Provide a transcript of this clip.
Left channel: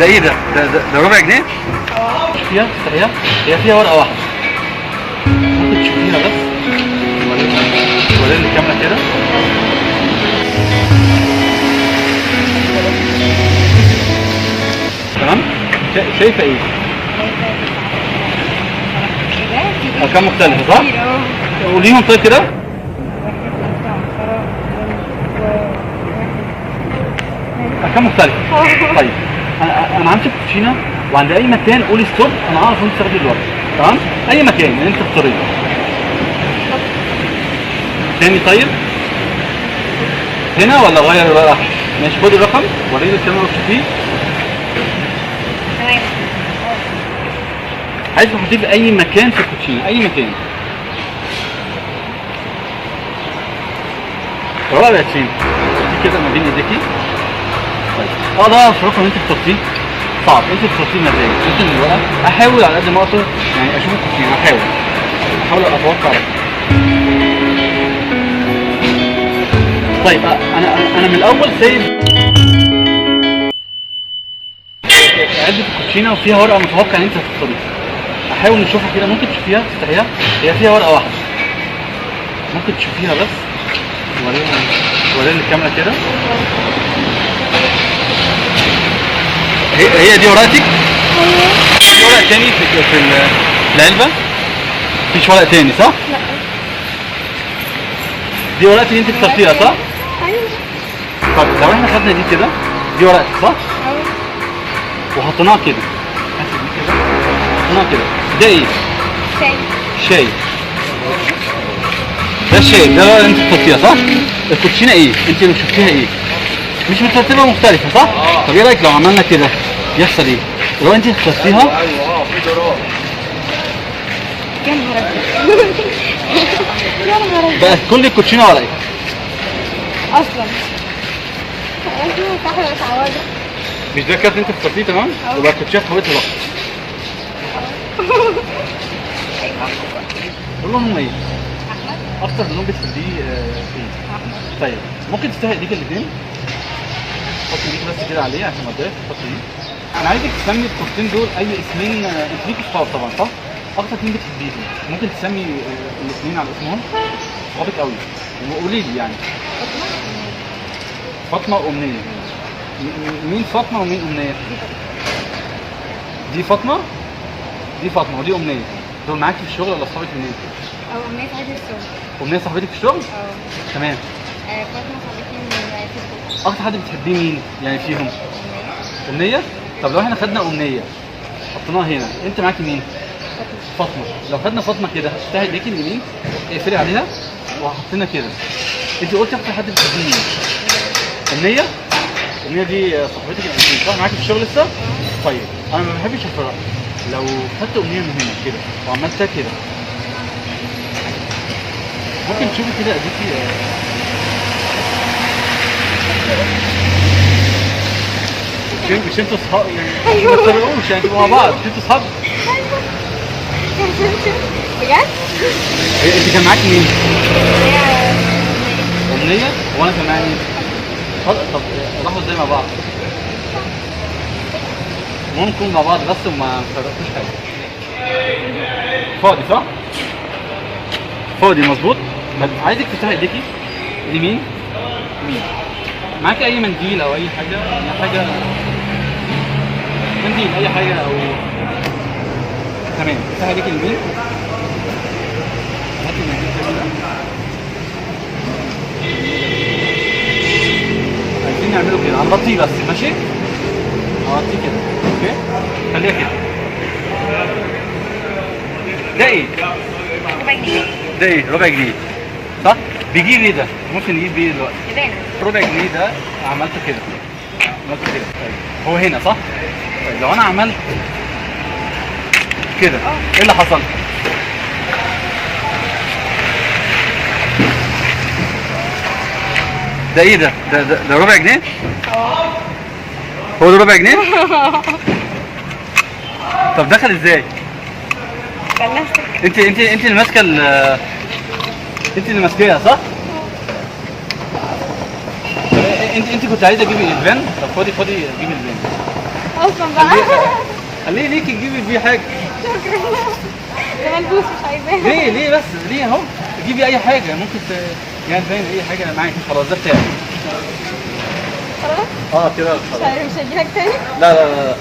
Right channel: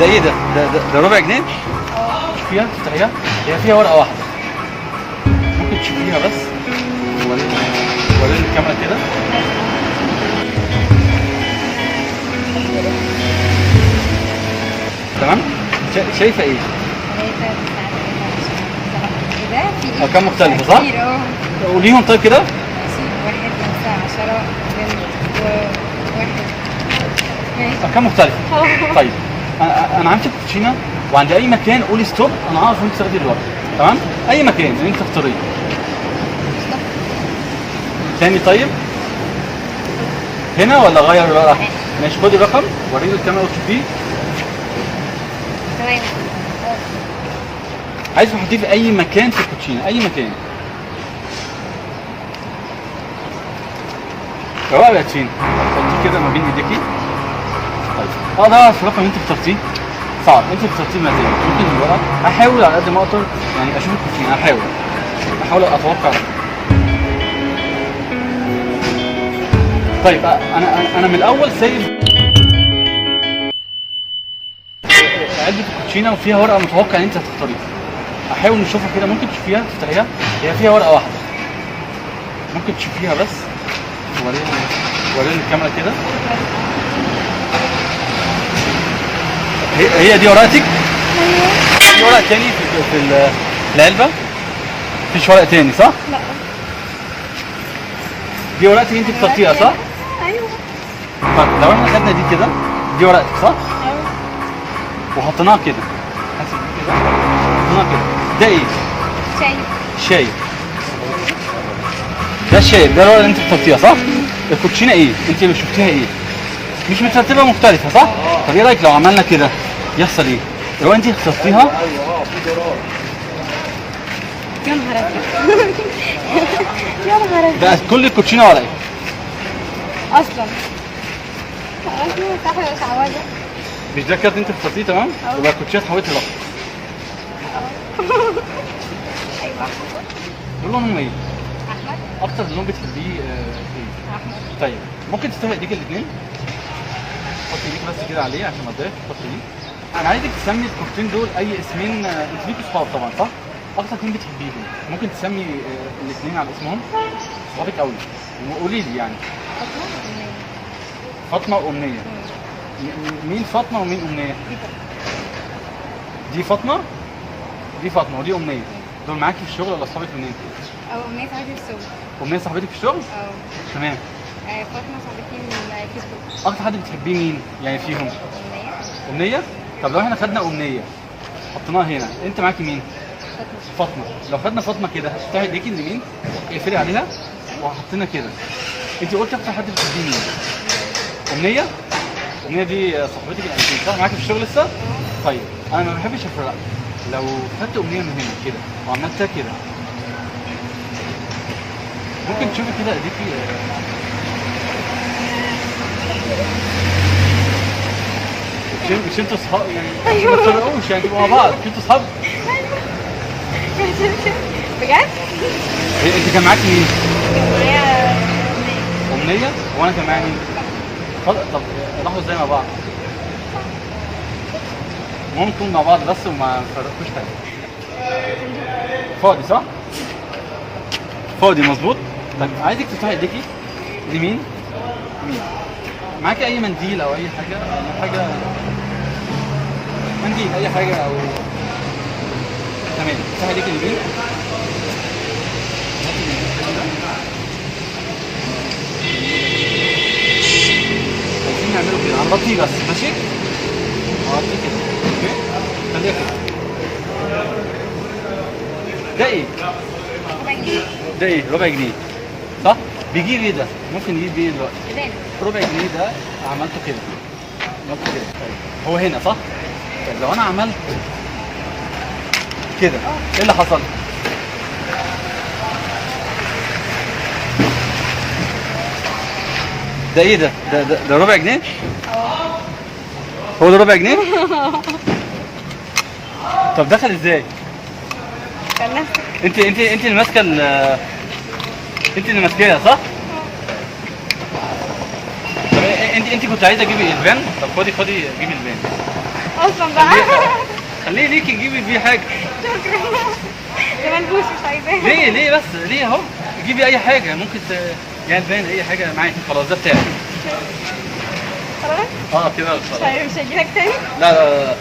ده ايه ده؟ ده ربع جنيه؟ فيها تفتحيها؟ هي فيها ورقة واحدة. ممكن تشوفيها بس؟ وريني الكاميرا كده. تمام؟ شايفة ايه؟ أرقام مختلفة صح؟ قوليهم طيب كده. 1 5 10 وواحد. أرقام مختلفة. طيب أنا همسك كوتشينة وعند أي مكان قولي ستوب، أنا أعرف أنت تاخدي الورق. تمام؟ أي مكان اللي أنت تختاريه. تاني طيب؟ هنا ولا أغير الورقة؟ ماشي خدي الرقم وريني الكاميرا وشوفيه. تمام. عايز تحطيه في أي مكان في الكوتشينة، أي مكان. الورقة بقت فين؟ حطيه كده ما بين ايديكي. طيب ده الرقم اللي انت بتحطيه صعب، انت بتحطيه مكان ممكن الورقة. احاول على قد ما اقدر يعني اشوف الكوتشينة، احاول اتوقع. طيب انا من الاول سايب علبة الكوتشينة وفيها ورقة متوقع ان انت هتختاريها. احاول نشوفها كده، ممكن تشوفيها تفتحيها، هي فيها ورقة واحدة. ممكن تشوفيها بس. وريني الكاميرا كده. هي دي ورقتك؟ ايوه. في ورق تاني في العلبة؟ مفيش ورق تاني صح؟ لا. دي ورقتك انت اخترتيها صح؟ ايوه. طب لو احنا خدنا دي كده، دي ورقتك صح؟ ايوه. وحطيناها كده. هاتي دي كده. حطيناها كده. ده ايه؟ شاي. شاي. ده الشاي، ده الورقة اللي انت اخترتيها صح؟ الكوتشينة ايه؟ انت اللي شفتيها ايه؟ مش مترتبة مختلفة صح؟ طب ايه رايك لو عملنا كده؟ يحصل ايه؟ لو انت اخترتيها ايوه في زرار. يا نهار ابيض. يا نهار ابيض. بقت كل الكوتشينة ورقة. اصلا. ايوه صح يا شعوذة. مش ده كارت انت اخترتيه تمام؟ يبقى الكوتشينة اتحولت لرقم. ايوه. قول لهم ايه؟ احمد. اكتر لون بتحبيه ايه؟ احمد. طيب ممكن تستوي ايديك الاثنين؟ حط ايديك بس كده عليه عشان ما تضايقش. حط ايديك. انا عايزك تسمي الكورتين دول اي اسمين. انت ليكوا صحاب طبعا صح؟ اكتر اتنين بتحبيهم ممكن تسمي الاثنين على اسمهم؟ صحابك قوي وقولي لي يعني. فاطمة وأمنية. فاطمه وامنيه. مين فاطمه ومين امنيه؟ دي فاطمه. دي فاطمه ودي امنيه. دول معاكي في الشغل ولا اصحابك منين؟ او أمنية صاحبتي في الشغل. امنيه صاحبتك في الشغل؟ اه. تمام. فاطمة صاحبتي من فيسبوك. اكتر حد بتحبيه مين يعني فيهم؟ أمنية. امنيه. طب لو احنا خدنا امنيه حطيناها هنا، انت معاكي مين؟ فاطمة. فاطمه. لو خدنا فاطمه كده هتفتحي ايديكي اليمين اقفلي عليها وحطينا كده. انت قلتي اكتر حد بتحبيه مين؟ امنيه. امنيه دي صاحبتك الانتيم صح؟ معاكي في الشغل لسه؟ طيب انا ما بحبش افرق. لو خدت امنيه من هنا كده وعملتها كده ممكن تشوفي كده ايديكي. مش انتوا اصحاب يعني؟ أيوه. ما تفرقوش يعني تبقوا مع بعض، انتوا اصحاب. بجد؟ انت كان معاكي مين؟ كان معايا امنيه وانا كان معايا مين؟ طب راحوا ازاي مع بعض؟ ممكن مع بعض بس وما فرقوش حاجه. فاضي صح؟ فاضي مظبوط. طب عايزك تفتحي ايديكي اليمين. يمين. معاكي اي منديل او اي حاجه؟ اي حاجه منديل اي حاجه او تمام. افتحي ايديكي اليمين. هاتي المنديل كده. عايزين نعمله كده هنغطيه بس ماشي؟ هغطيه كده اوكي؟ خليها كده. ده ايه؟ ربع جنيه. ده ايه؟ ربع جنيه صح؟ بيجيب ايه ده؟ ممكن نجيب ايه دلوقتي؟ إيدينا. ربع جنيه ده عملته كده. عملته كده. طيب هو هنا صح؟ طيب لو انا عملت كده ايه اللي حصل؟ ده ايه ده؟ ده ربع جنيه؟ هو ده ربع جنيه؟ طب دخل ازاي؟ كان نفسك. انت اللي ماسكه انت اللي ماسكاها صح؟ انت كنت عايزه تجيبي البان؟ طب خدي جيبي البان. اصلا بقى. خليه ليكي تجيبي بيه حاجه. شكرا. ده ملبوس مش عايزاه. ليه بس ليه اهو تجيبي اي حاجه ممكن يعني البان اي حاجه معاكي خلاص ده بتاعك. خلاص؟ كده مش خلاص. عارف مش هجيلك تاني. لا